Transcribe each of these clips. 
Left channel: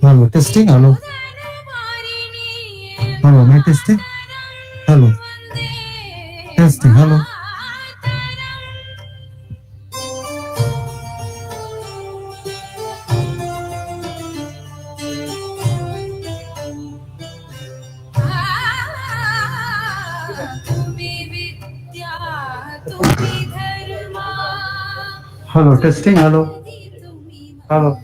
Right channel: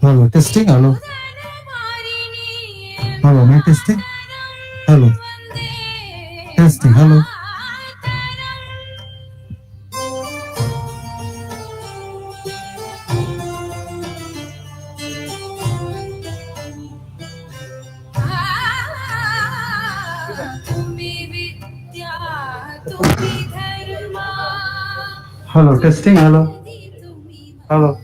Hello, testing. Hello. Hello, my testing. Hello. Testing. Hello. Hello, testing. Hello. Hello.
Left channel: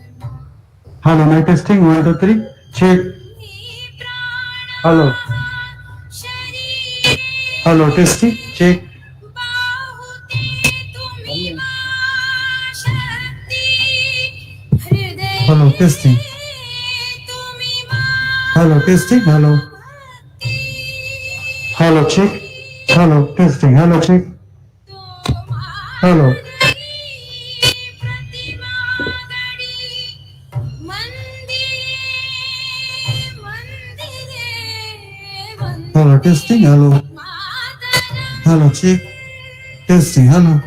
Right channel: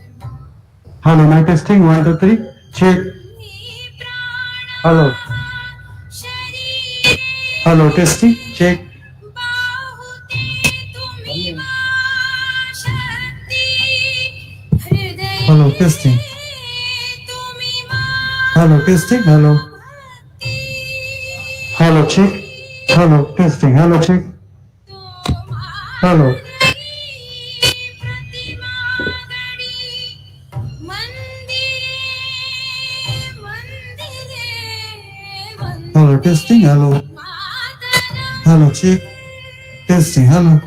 Hello, my testing. 1, 2, 3. Check. Hello. Hello, testing. Check. Hello, testing. Hello, testing. Hello. Hello, check. Hello, testing. Hello, check. Hello. Hello, testing. Hello. Hello, check. Testing. Hello.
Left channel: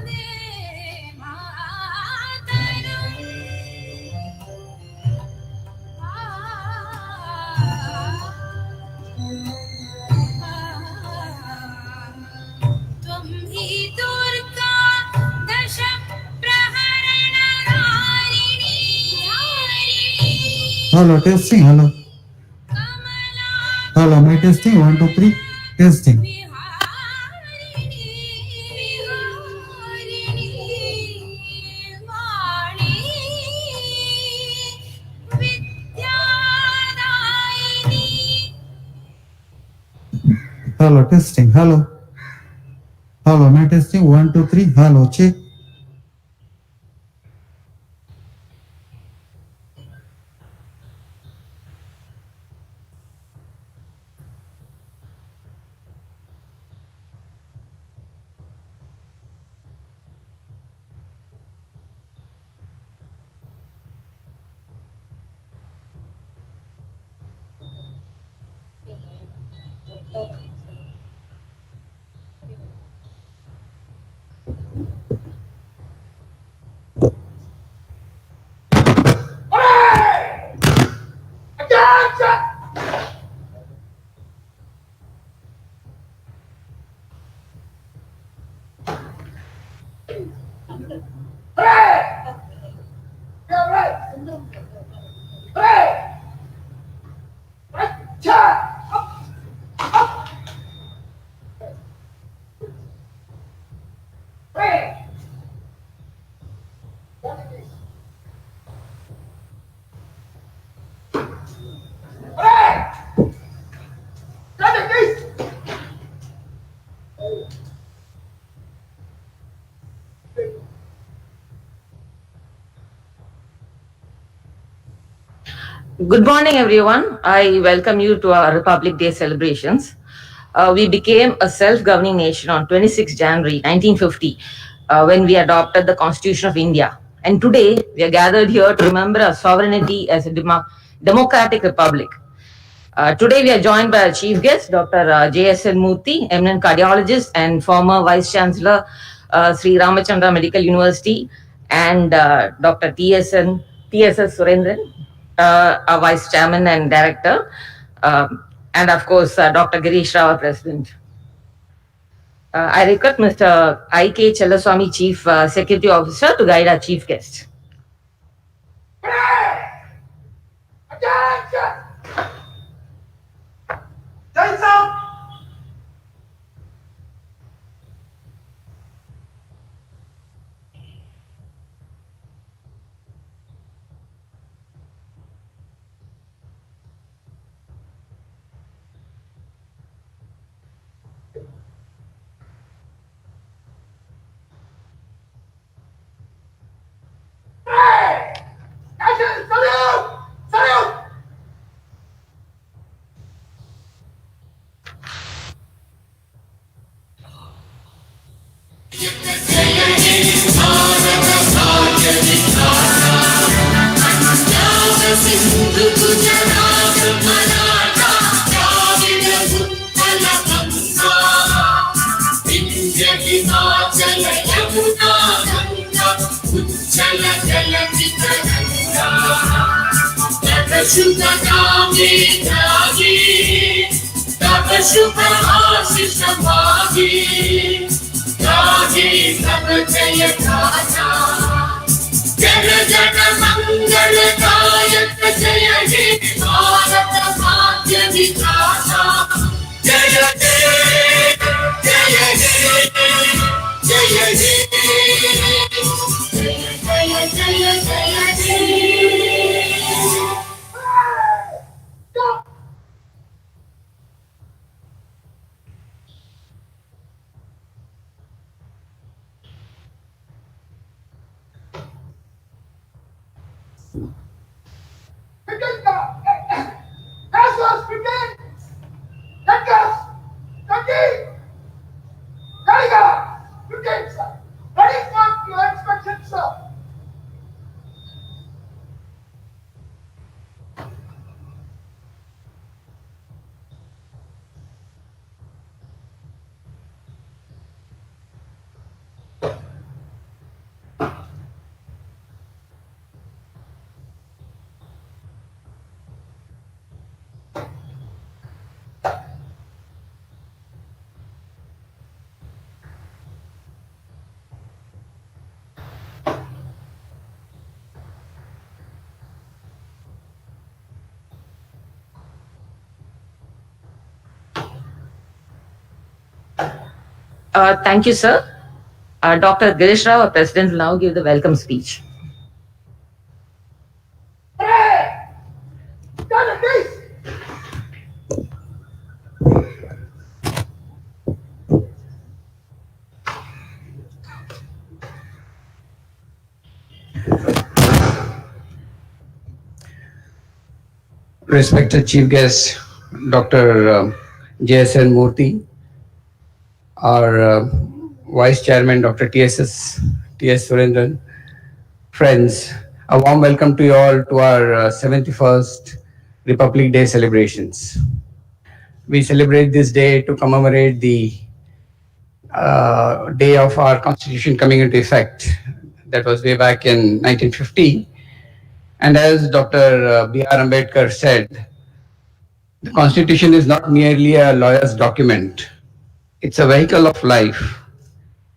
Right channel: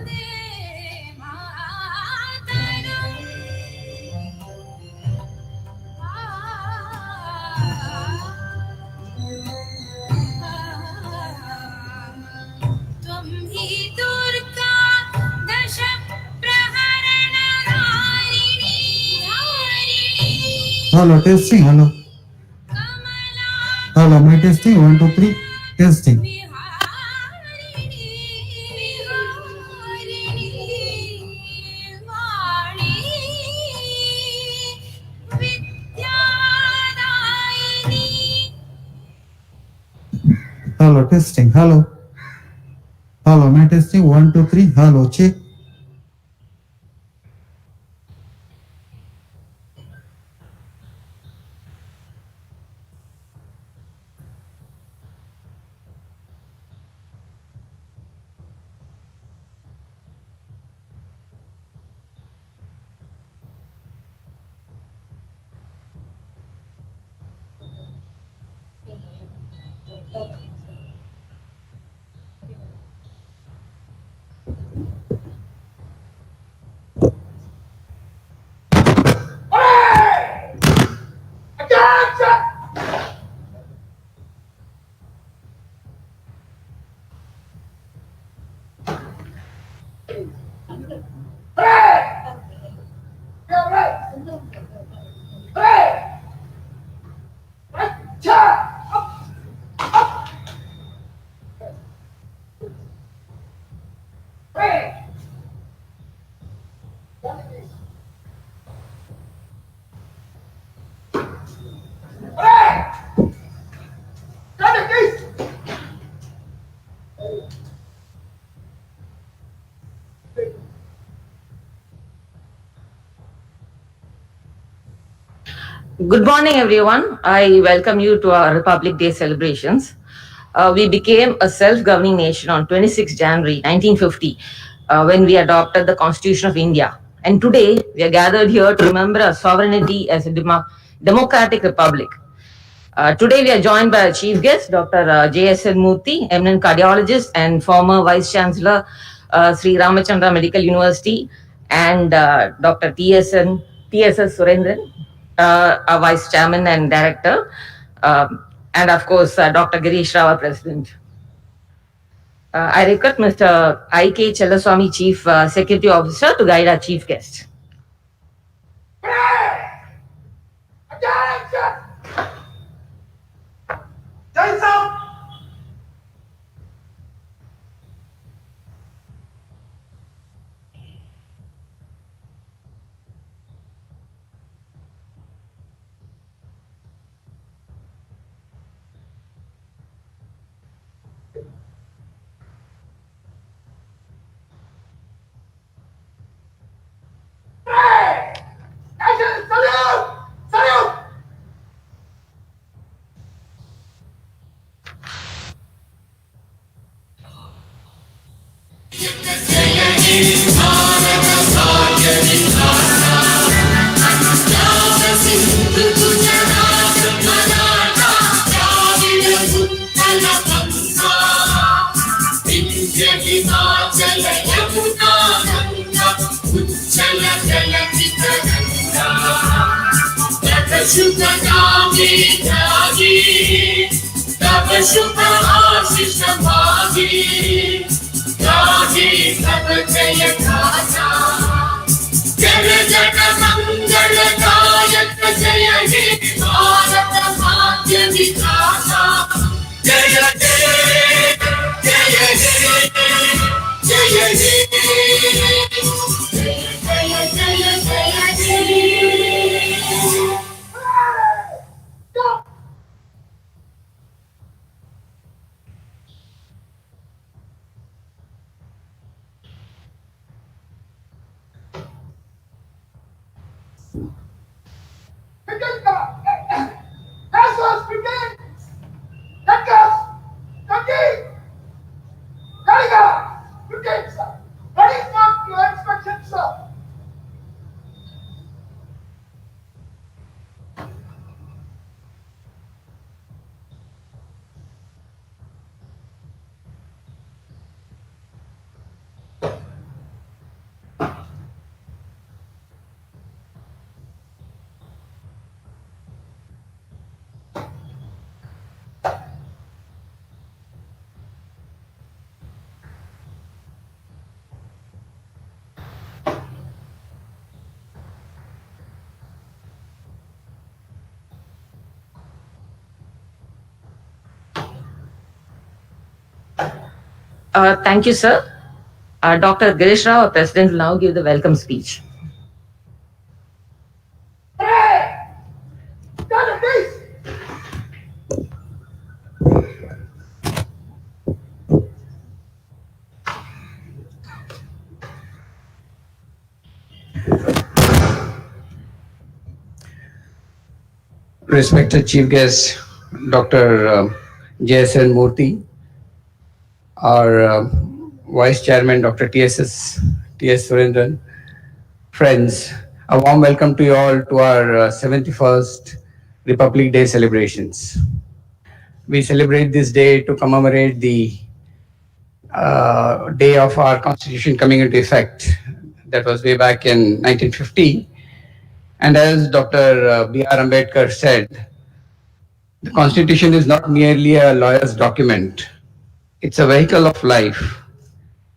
Hello, testing. Hello. Hello, my testing. 1, 2, 3. Testing. Hello, testing. Hello. Hello, my testing. 1, 2, 3. Hello, check. Good morning, everyone. I welcome you to our Republic Day celebrations. We became a self-governing nation on 26 January 1950 when we adopted the Constitution of India. And today, we are gathered here to remember our sovereignty as a democratic republic. Today, we are joined by our chief guest, Dr. J.S.L. Murthy, eminent cardiologist and former Vice Chancellor, Sri Ramachandra Medical University, and Dr. T.S.S. Surendran, our Vice Chairman and Director, and of course, Dr. Girish Rao, our President. I request Mr. I.K. Chellaswamy, Chief Security Officer, to guide our chief guest. Attention! शुभ नामे जागे, तब शुभ आशीष मागे, गाहे तब जय गाथा, जन जन मंगल दायक जय हे भारत भाग्य विधाता, जय जय जय जय जय जय जय जय Thank you, sir. Dr. Girish Rao, our president, will now give the welcome speech. Respected Chief Guest, Dr. J.S.N. Murthy, our Vice Chairman, Dr. T.S. Surendran, friends, a warm welcome to you all to our 71st Republic Day celebrations. We celebrate this day to commemorate the day of our Constitution coming into effect. That was way back in 1950. And as Dr. B.R. Ambedkar said, the Constitution is not merely a lawyer's document. It's a vehicle of life.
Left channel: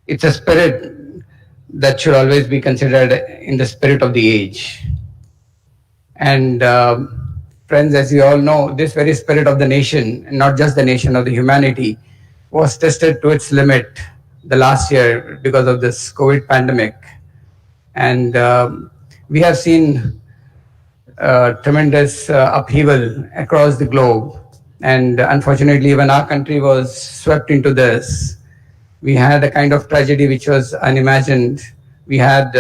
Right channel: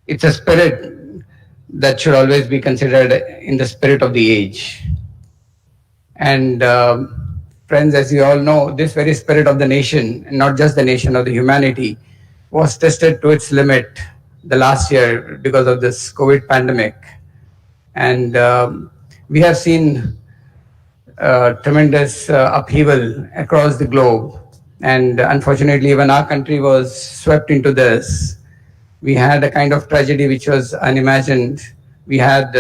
It's a spirit that should always be considered in the spirit of the age. And friends, as you all know, this very spirit of the nation, and not just the nation, of the humanity, was tested to its limit the last year because of this COVID pandemic. And we have seen tremendous upheaval across the globe. And unfortunately, when our country was swept into this, we had a kind of tragedy which was unimagined. We had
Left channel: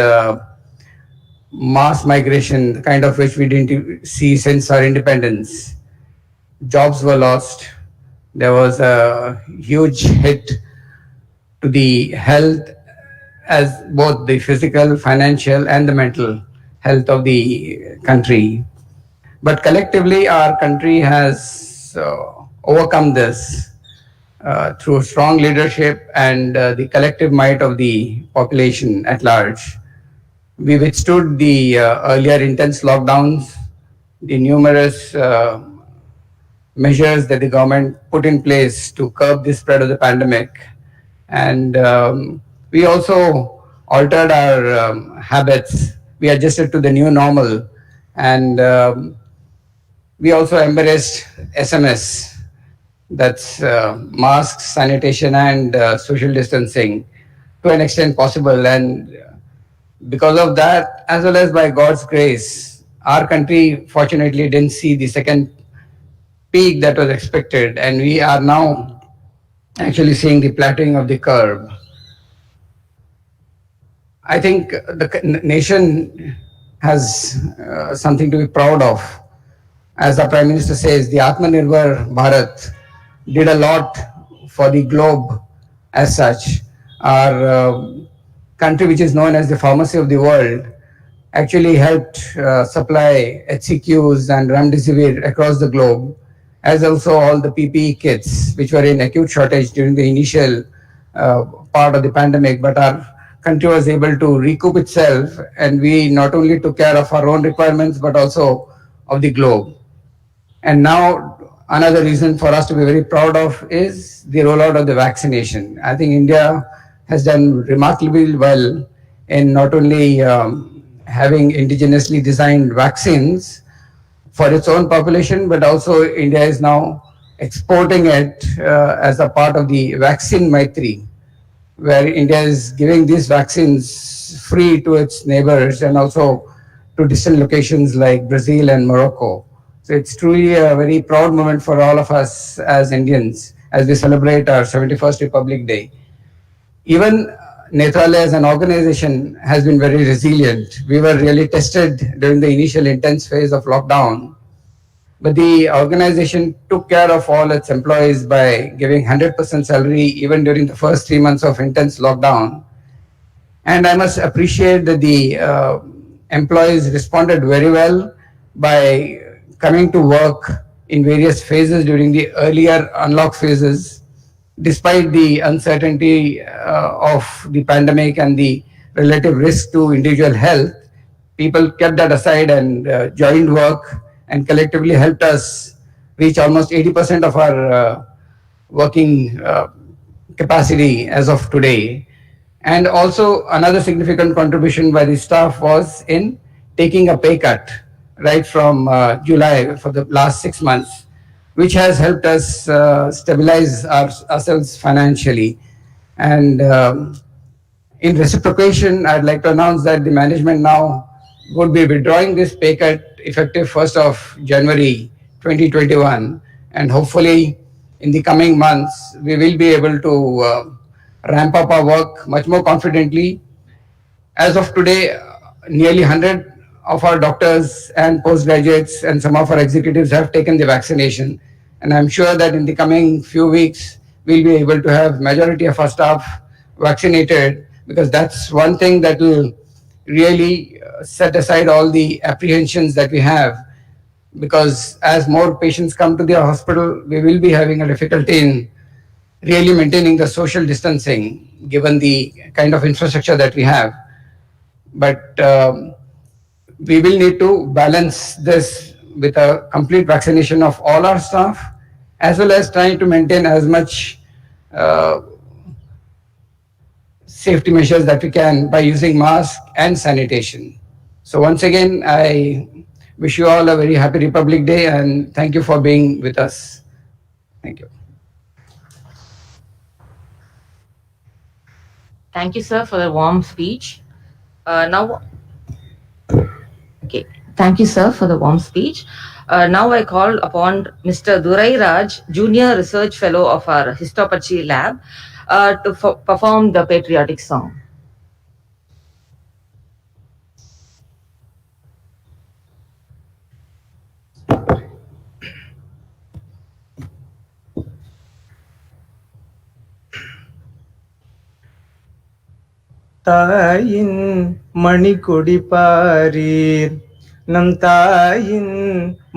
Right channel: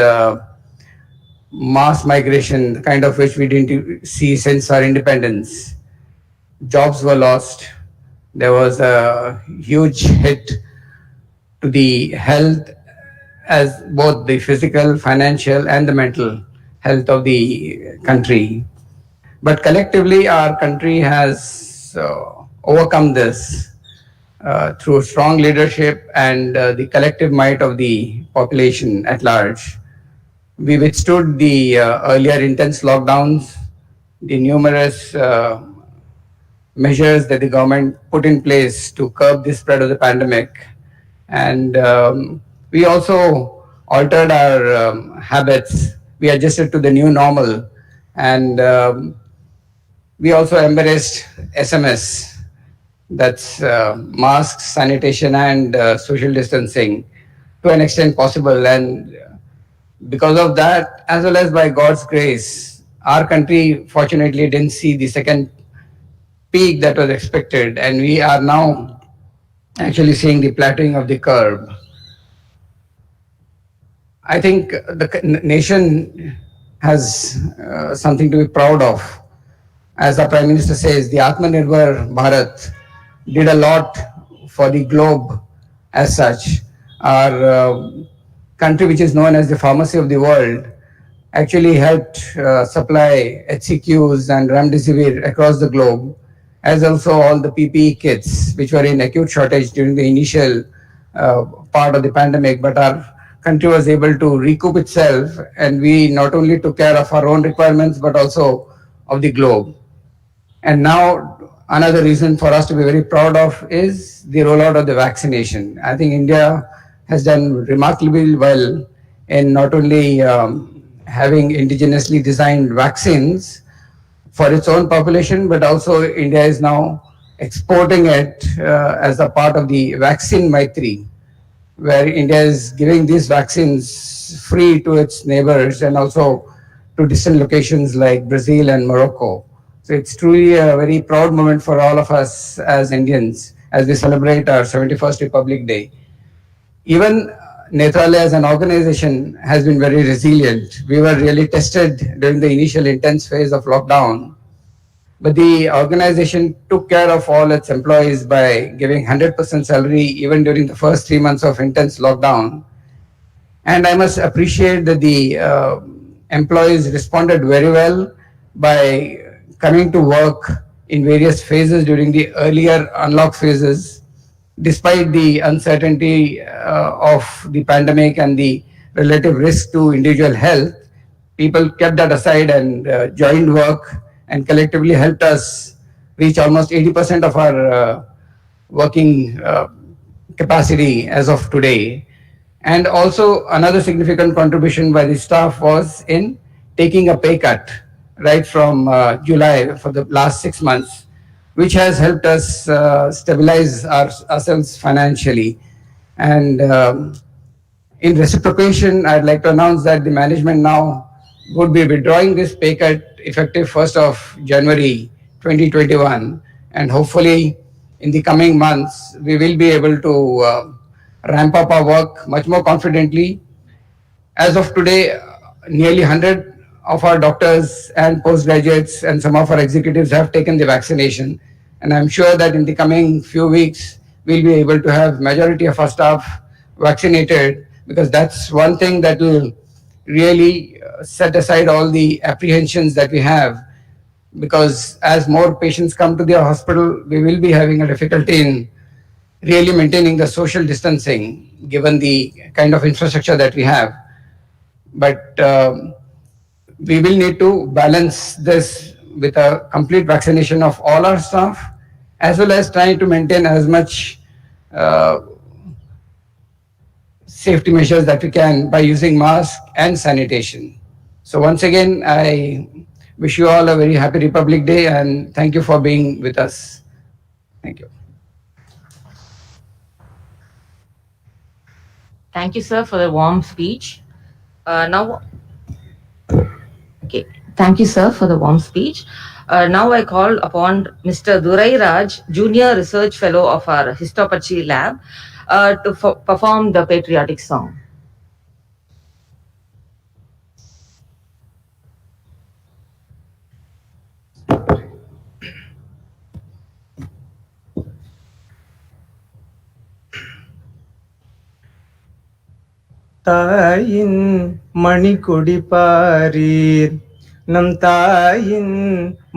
mass migration, the kind of which we didn't see since our independence. Jobs were lost. There was a huge hit to the health, as both the physical, financial, and the mental health of the country. But collectively, our country has overcome this through strong leadership and the collective might of the population at large. We withstood the earlier intense lockdowns, the numerous measures that the government put in place to curb the spread of the pandemic. And we also altered our habits. We adjusted to the new normal. And we also embraced SMS, that's masks, sanitation, and social distancing to an extent possible. And because of that, as well as by God's grace, our country fortunately didn't see the second peak that was expected, and we are now actually seeing the plateauing of the curve. I think the nation has something to be proud of. As the Prime Minister says, the Atmanirbhar Bharat did a lot for the globe as such. our country, which is known as the pharmacy of the world, actually helped supply HCQs and remdesivir across the globe, as also all the PPE kits, which were in acute shortage during the initial part of the pandemic. But our country was able to recoup itself, and we not only took care of our own requirements, but also of the globe. And now, another reason for us to be very proud of is the rollout of the vaccination. I think India has done remarkably well in not only having indigenously designed vaccines for its own population, but also India is now exporting it as a part of the Vaccine Maitri, where India is giving these vaccines free to its neighbors and also to distant locations like Brazil and Morocco. So it's truly a very proud moment for all of us as Indians as we celebrate our 71st Republic Day. Even Netralaya as an organization has been very resilient. We were really tested during the initial intense phase of lockdown, but the organization took care of all its employees by giving 100% salary even during the first 3 months of intense lockdown. And I must appreciate that the employees responded very well by coming to work in various phases during the earlier unlock phases, despite the uncertainty of the pandemic and the relative risk to individual health. People kept that aside and joined work and collectively helped us reach almost 80% of our working capacity as of today. And also another significant contribution by the staff was in taking a pay cut right from July for the last 6 months, which has helped us stabilize ourselves financially. And in reciprocation, I'd like to announce that the management now would be withdrawing this pay cut effective 1st of January 2021. And hopefully in the coming months, we will be able to ramp up our work much more confidently. As of today, nearly 100 of our doctors and postgraduates and some of our executives have taken the vaccination. And I'm sure that in the coming few weeks, we'll be able to have majority of our staff vaccinated, because that's one thing that will really set aside all the apprehensions that we have. Because as more patients come to the hospital, we will be having a difficulty in really maintaining the social distancing, given the kind of infrastructure that we have. But we will need to balance this with a complete vaccination of all our staff, as well as trying to maintain as much safety measures that we can by using masks and sanitation. So once again, I wish you all a very happy Republic Day, and thank you for being with us. Thank you. Thank you, sir, for the warm speech. Thank you, sir, for the warm speech. Now I call upon Mr. Durai Raj, Junior Research Fellow of our Histopathology Lab, to perform the patriotic song. தாயின் மணிக்கொடி பாரீர், நம் தாயின்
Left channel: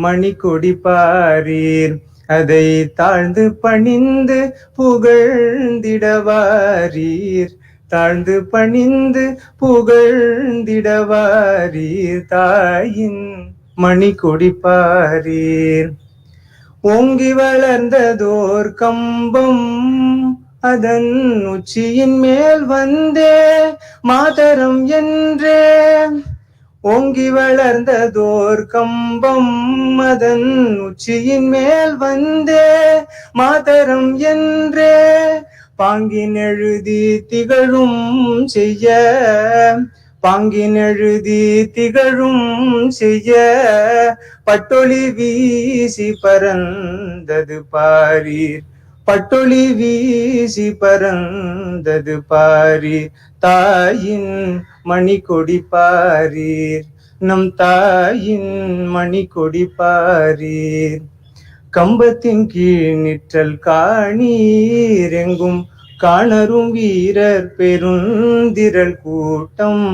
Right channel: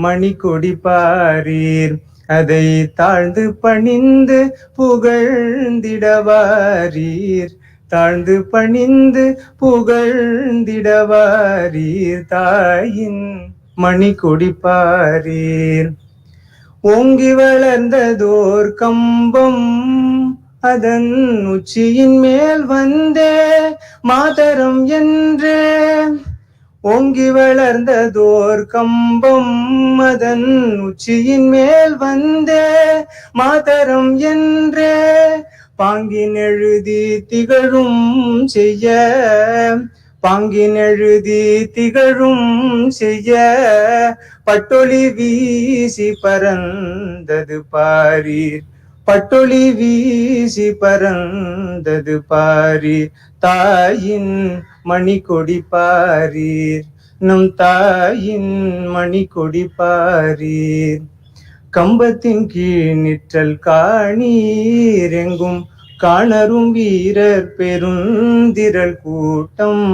மணிக்கொடி பாரீர், அதை தாழ்ந்து பணிந்து புகழ்ந்திடவாரீர், தாழ்ந்து பணிந்து புகழ்ந்திடவாரீர், தாயின் மணிக்கொடி பாரீர். ஓங்கி வளர்ந்ததோர் கம்பம் அதன் உச்சியின் மேல் வந்தே மாதரம் என்றே, ஓங்கி வளர்ந்ததோர் கம்பம் அதன் உச்சியின் மேல் வந்தே மாதரம் என்றே, பாங்கின் எழுதி திகழும் செய்ய, பாங்கின் எழுதி திகழும் செய்ய, பட்டொளி வீசி பறந்தது பாரீர், பட்டொளி வீசி பறந்தது பாரீர், தாயின் மணிக்கொடி பாரீர், நம் தாயின் மணிக்கொடி பாரீர். கம்பத்தின் கீழ் நிற்றல் காணீர், எங்கும் காணரும் வீரர் பெருந்திரள் கூட்டம்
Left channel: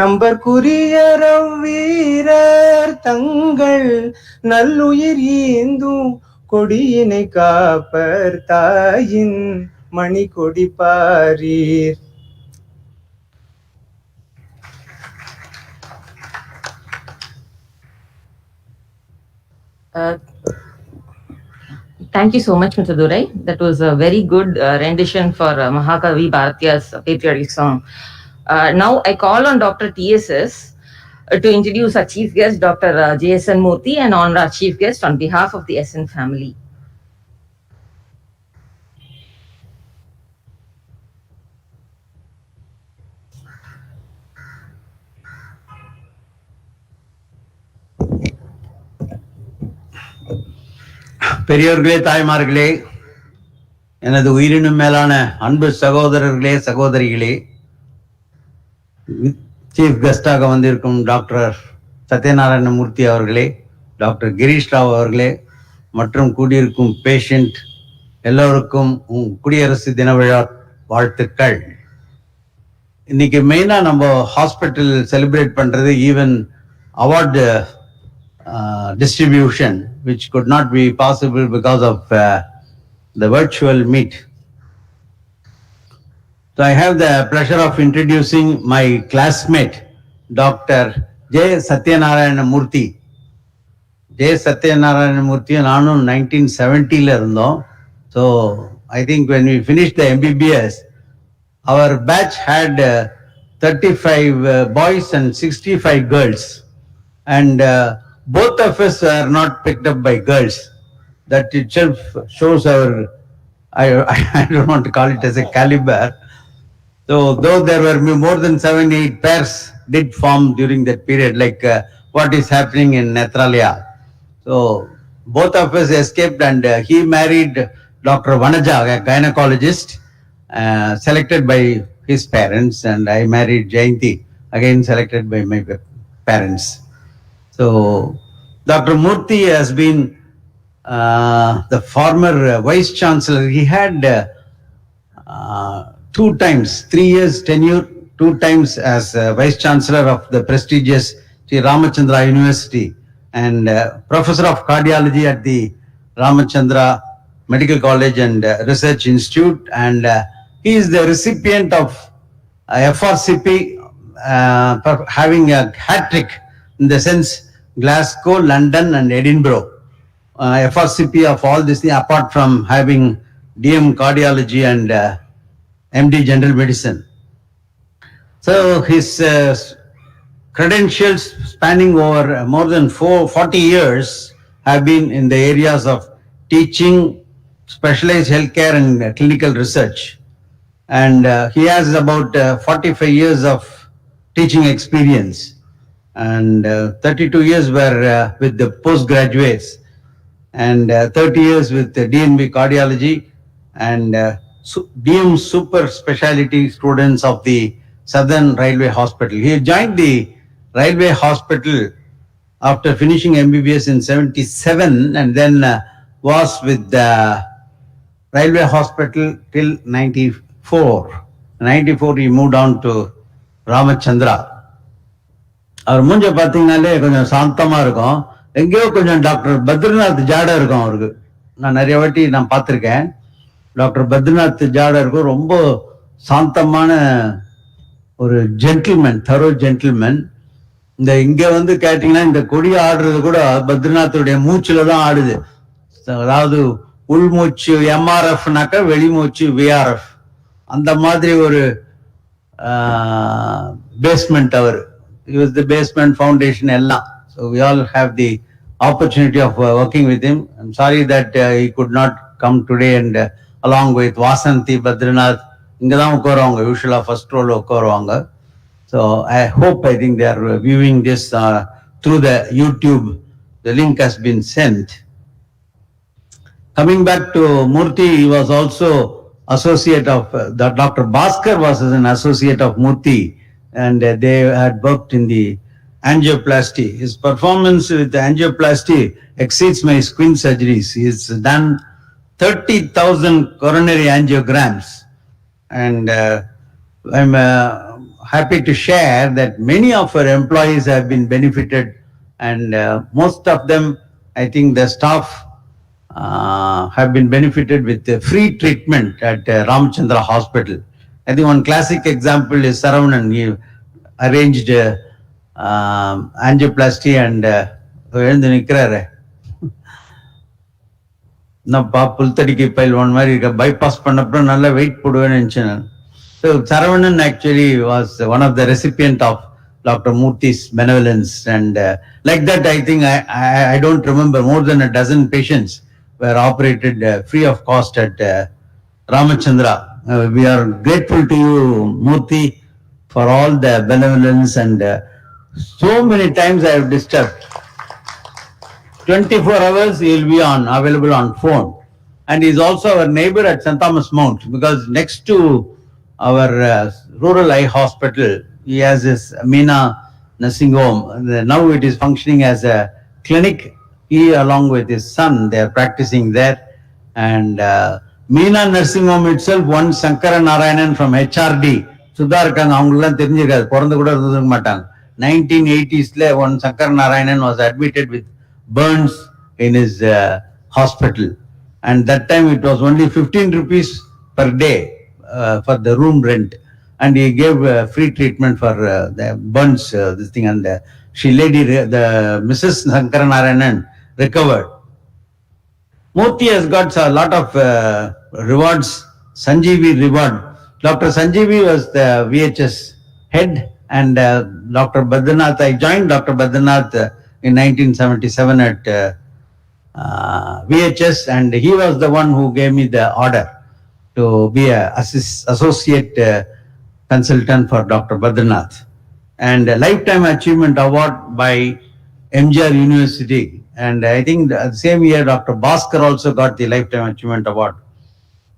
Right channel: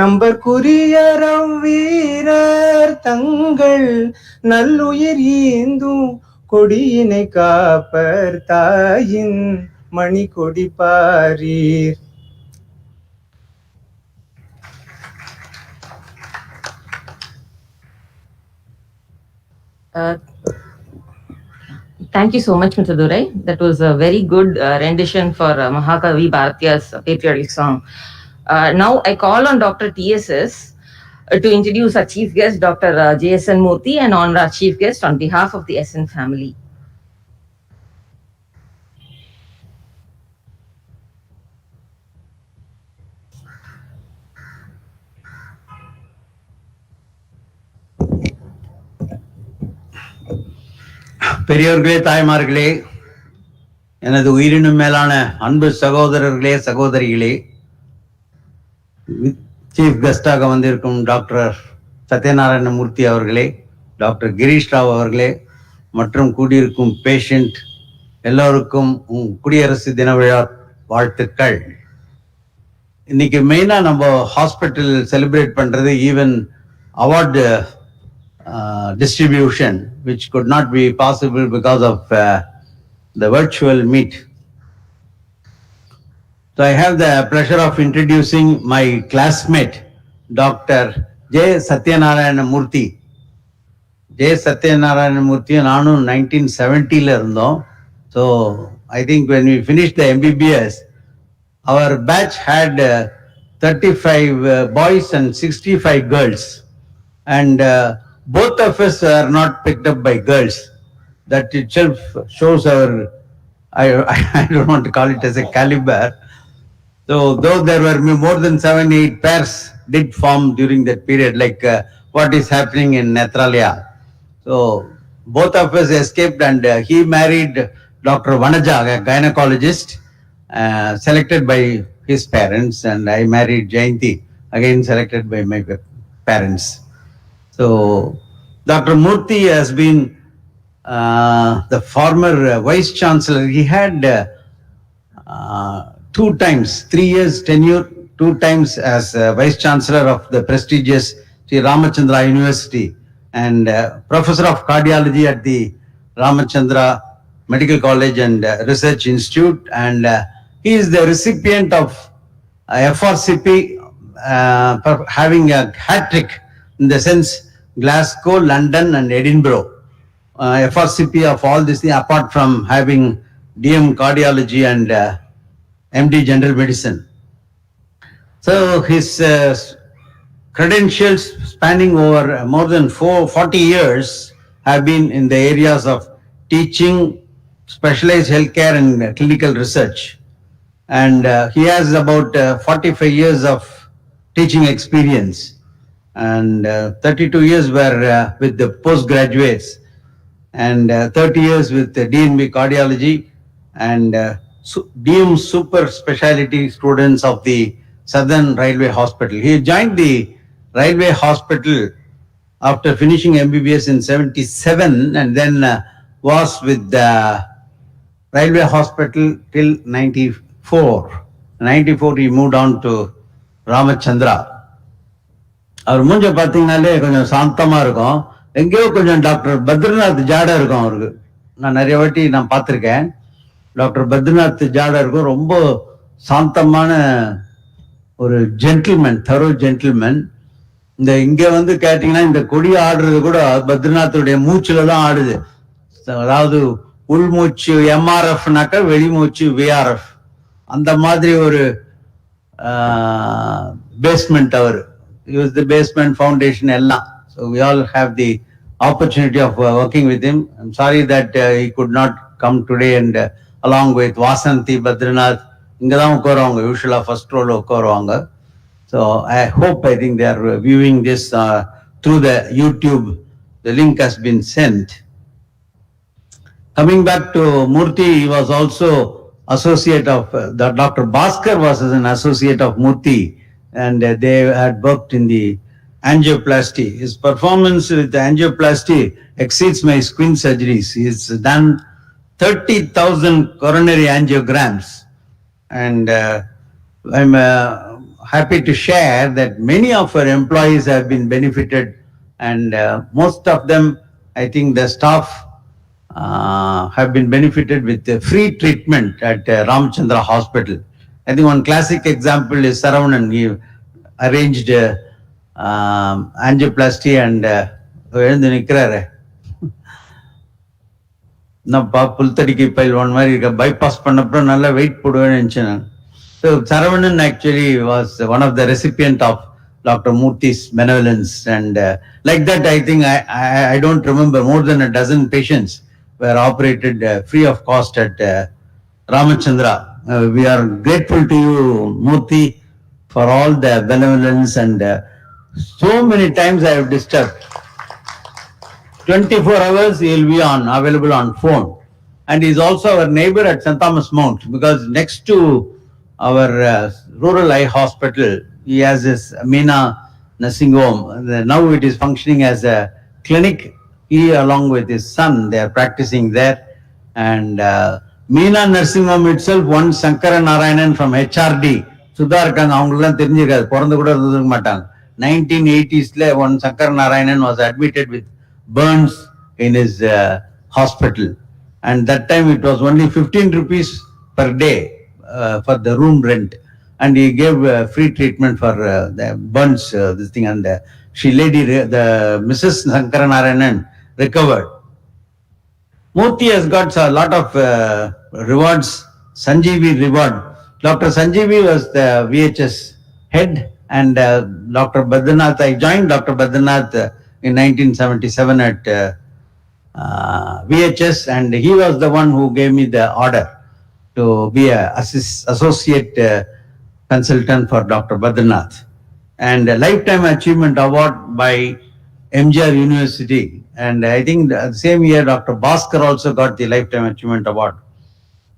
நம்பர்க்குரியரம் வீரர் தங்கள் நல்லுயிர் ஈந்தும் கொடியினை காப்பர் தாயின் மணி கொடி பாரீர். Thank you so much, Mr. Durai. That was a very good rendition for Mahakavi Bharatiya's patriotic song. Now I call on Dr. TSS to introduce our chief guest, Dr. JSN Murthy, and honor our chief guest on behalf of the SN family. பெரியோர்களே, தாய்மார்களே, எனது உயிரினும் மேலான அன்பு சகோதரர்களே, சகோதரிகளே, chief கெஸ்டாக வந்திருக்கும் doctor Satyanarayana மூர்த்தி அவர்களே, டாக்டர் கிரீஷ் ராவ் அவர்களே மற்றும் கூடியிருக்கும் பேஷண்ட் எல்லோருக்கும் குடியரசு தின விழா வாழ்த்துக்கள். இன்னைக்கு மெயினா நம்ம ஹாஸ்பிட்டல் செலிப்ரேட் பண்றது even award distribution, which could not be possible because of the virtual meet. So I have the pleasure of introducing my classmate, Dr. J. Satyanarayana Murthy. J. Satyanarayana Murthy நானும் 1970 இருந்தோம். So I think when we finished the MBBS, our batch had 35 boys and 65 girls. And both of us are not picked up by girls. That itself shows our, I don't want to call it as a caliber. So though there were more than 7-8 pairs did form during that period, like what is happening in Nethralaya. So both of us escaped, and he married Dr. Vanaja, a gynecologist, selected by his parents, and I married Jayanti, again selected by my parents. So, Dr. Murthy has been the former Vice Chancellor. He had 2 times, 3 years tenure, 2 times as Vice Chancellor of the prestigious Sri Ramachandra University and Professor of Cardiology at the Ramachandra Medical College and Research Institute. And he is the recipient of FRCP having a hat trick, in the sense Glasgow, London and Edinburgh. FRCP of all this thing, apart from having DM cardiology and MD general medicine. So his credentials spanning over more than 40 years have been in the areas of teaching, specialized healthcare and clinical research. And he has about 45 years of teaching experience. And 32 years were with the postgraduates, and 30 years with the DNB cardiology and DM super specialty students of the Southern Railway Hospital. He joined the Railway Hospital after finishing MBBS in 77, and then was with the Railway Hospital till 94. 94 he moved on to Ramachandra. அவர் மூஞ்ச பார்த்தீங்கன்னாலே கொஞ்சம் சாந்தமா இருக்கும். எங்கேயோ கொஞ்சம் doctor Badrinath ஜாடா இருக்கும் அவருக்கு. நான் நிறைய வாட்டி நான் பார்த்திருக்கேன். டாக்டர் பத்ரிநாத் ஜாடா இருக்கும். ரொம்ப சாந்தமான ஒரு ஜென்டில்மேன், தரோ ஜென்டில்மேன். இந்த இங்க வந்து கேட்டீங்கன்னா இந்த கொடி ஆடுறது கூட பத்ரிநாத்துடைய மூச்சுல தான் ஆடுது. அதாவது உள்மூச்சு MRFனாக்கா வெளிமூச்சு VRF. அந்த மாதிரி ஒரு பேஸ்மெண்ட் அவர். He was the basement foundation எல்லாம். So we all have the opportunity of working with him. I'm sorry that he could not come today, and along with Vasanthi, Badrinath, இங்கதான் உட்காருவாங்க, யூஷுவலா ஃபர்ஸ்ட் ரோல உட்காருவாங்க. So I think they are viewing this through the YouTube. The link has been sent. Coming back to Murthy, he was also associate of Dr. Bhaskar was an associate of Murthy, and they had worked in the angioplasty. His performance with the angioplasty exceeds my squint surgeries. He has done 30,000 coronary angiograms and I'm happy to share that many of our employees have been benefited, and most of them, I think the staff have been benefited with free treatment at Ramchandra Hospital. I think one classic example is Saravanan. He arranged angioplasty and எழுந்து நிற்கிறாரு என்னப்பா புல்தடிக்கு பயில்வான் மாதிரி இருக்க bypass பண்ணப்பறம் நல்ல wait போடுவேன்னு நினைச்சேன். So Saravanan actually was one of the recipient of Dr. Murthy's benevolence, and like that I think I don't remember, more than a dozen patients were operated free of cost at Ramachandra. We are grateful to you, Murthy, for all the benevolence, and so many times I have disturbed. 24 hours he will be available on phone, and he is also our neighbor at St. Thomas Mount, because next to our rural eye hospital he has this Meena nursing home. Now it is functioning as a clinic. He along with his son, they are practicing there, and Meena nursing home itself, one Sankara Narayanan from HRD Sudha irukanga, avangala therinjirukadu, porandu kuda irundha maatanga. 1980s la one Sankara Narayanan was admitted with burns in his hospital, and that time it was only 15 rupees per day for the room rent, and he gave free treatment for the burns, this thing, and the Mrs. Sankara Narayanan recovered. Murthy has got a lot of rewards. Sanjeevi reward. Dr. Sanjeevi was the VHS head, and Dr. Badranath, I joined Dr. Badranath in 1977 at VHS, and he was the one who gave me the order to be a associate consultant for Dr. Badranath, and a lifetime achievement award by MGR University, and I think the same year Dr. Bhaskar also got the lifetime achievement award.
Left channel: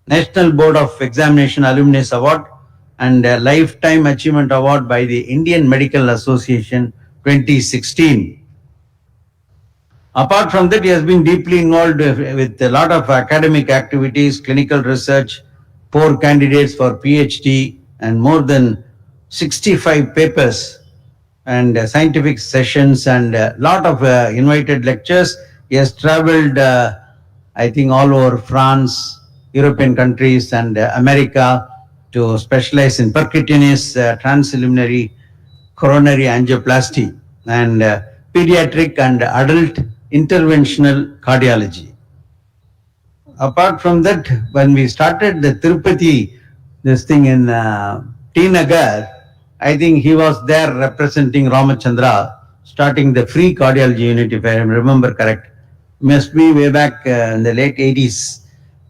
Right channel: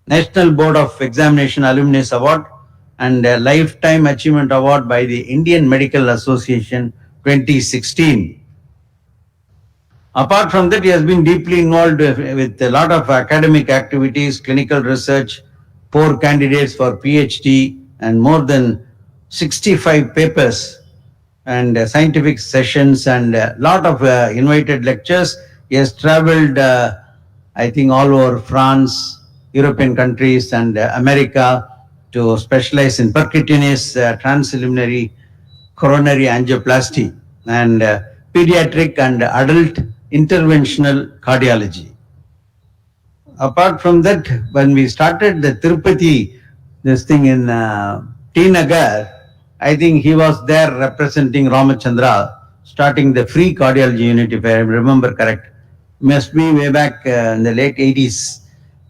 National Board of Examination Alumnus Award, and a lifetime achievement award by the Indian Medical Association 2016. Apart from that, he has been deeply involved with a lot of academic activities, clinical research, 4 candidates for PhD, and more than 65 papers, and scientific sessions, and a lot of invited lectures. He has traveled, I think, all over France, European countries, and America to specialize in percutaneous transluminary coronary angioplasty, and pediatric and adult interventional cardiology. Apart from that, when we started the Tirupati, this thing in T Nagar, I think he was there representing Ramachandra, starting the free cardiology unit, if I remember correct. Must be way back in the late 80s.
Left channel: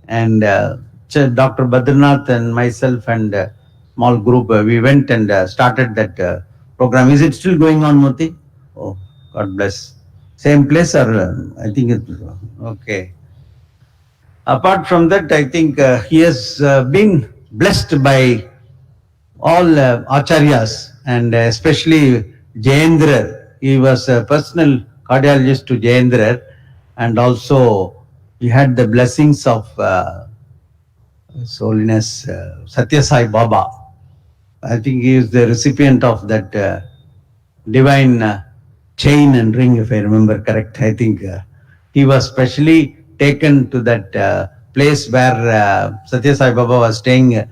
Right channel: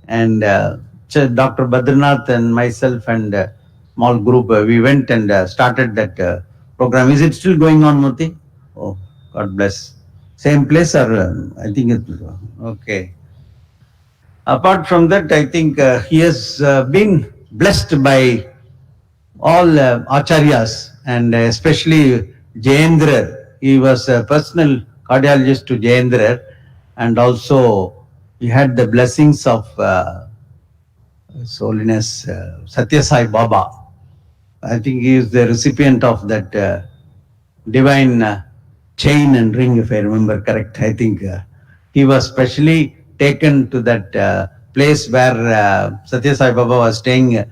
And Dr. Badranath and myself and a small group, we went and started that program. Is it still going on, Murthy? Oh, God bless. Same place, or I think it's okay. Apart from that, I think he has been blessed by all acharyas, and especially Jayendra. He was a personal cardiologist to Jayendra, and also he had the blessings of His Holiness Satya Sai Baba. I think he is the recipient of that divine chain and ring, if I remember correct. I think he was specially taken to that place where Satya Sai Baba was staying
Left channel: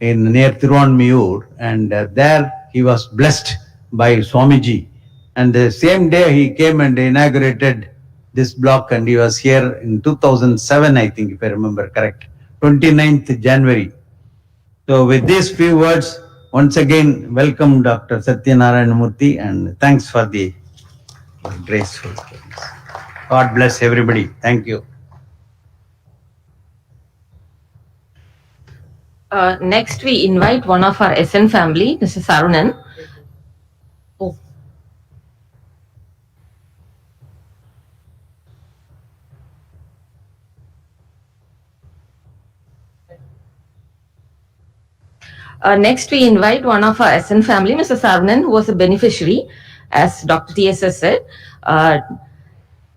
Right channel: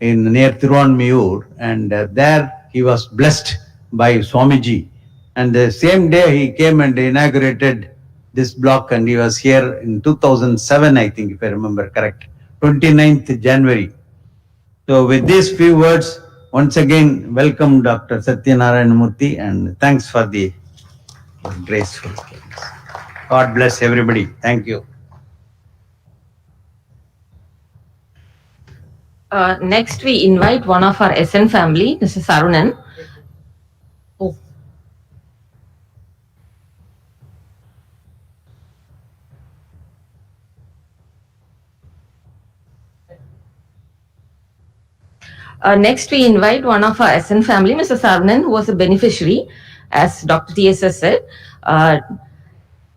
in near Tiruvanmiyur, and there he was blessed by Swamiji. And the same day he came and inaugurated this block, and he was here in 2007, I think, if I remember correct, 29th January. So with these few words, once again, welcome Dr. Satyanarayana Murthy, and thanks for the graceful words. God bless everybody. Thank you. Next, we invite one of our SN family, Mr. Sarunan. Oh. Next, we invite one of our SN family, Mr. Sarunan, who was a beneficiary, as Dr. TSS said,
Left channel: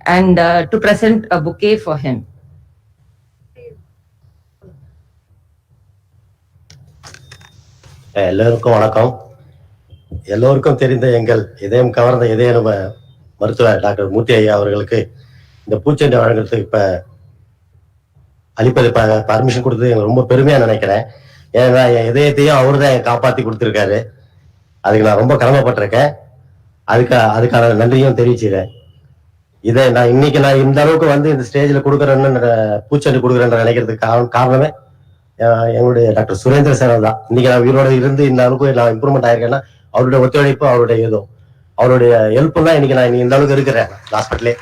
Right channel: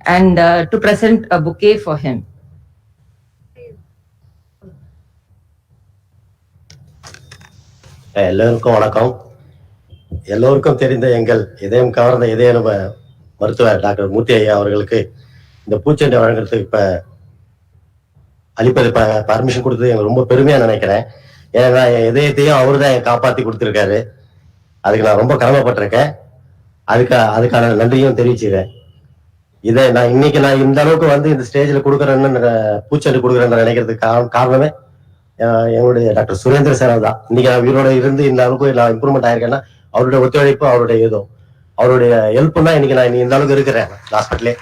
and to present a bouquet for him. எல்லோருக்கும் வணக்கம். எல்லோருக்கும் தெரிந்த எங்கள் இதயம் கவர்ந்த இதய மருத்துவர் doctor மூர்த்தி ஐயா அவர்களுக்கு இந்த பூச்செண்டை வழங்குறதுக்கு இப்ப அளிப்பது பர்மிஷன் கொடுத்தது எனக்கு ரொம்ப பெருமையா நினைக்கிறேன். ஏன்னா என் இதயத்தையும் அவரு தான் காப்பாத்தி கொடுத்துருக்காரு. அதுக்கு நான் ரொம்ப கடமைப்பட்டிருக்கேன். அதுக்கான நன்றியும் தெரிவிச்சுக்கிறேன். இதை நான் இன்னைக்கு இந்த அளவுக்கு வந்து இந்த ஸ்டேஜ்ல கொடுக்குறேன்னு பூச்செண்டு கொடுக்குறேன்னு நினைக்கிறதுக்கு காரணமே எங்களுடைய டாக்டர் சுரேந்திர சார் தான். இன்னைக்கு நான் உயிரோட இருந்து இந்த அளவுக்கு நான் இம்ப்ரூவ்மெண்ட் ஆயிருக்கேன்னா அவருடைய ஒத்துழைப்பு, அவருடைய அவருடைய ஹெல்ப் தான் இன்னைக்கு நான் இந்த அளவுக்கு இருக்கிறேன் ஹாஸ்பிட்டலே.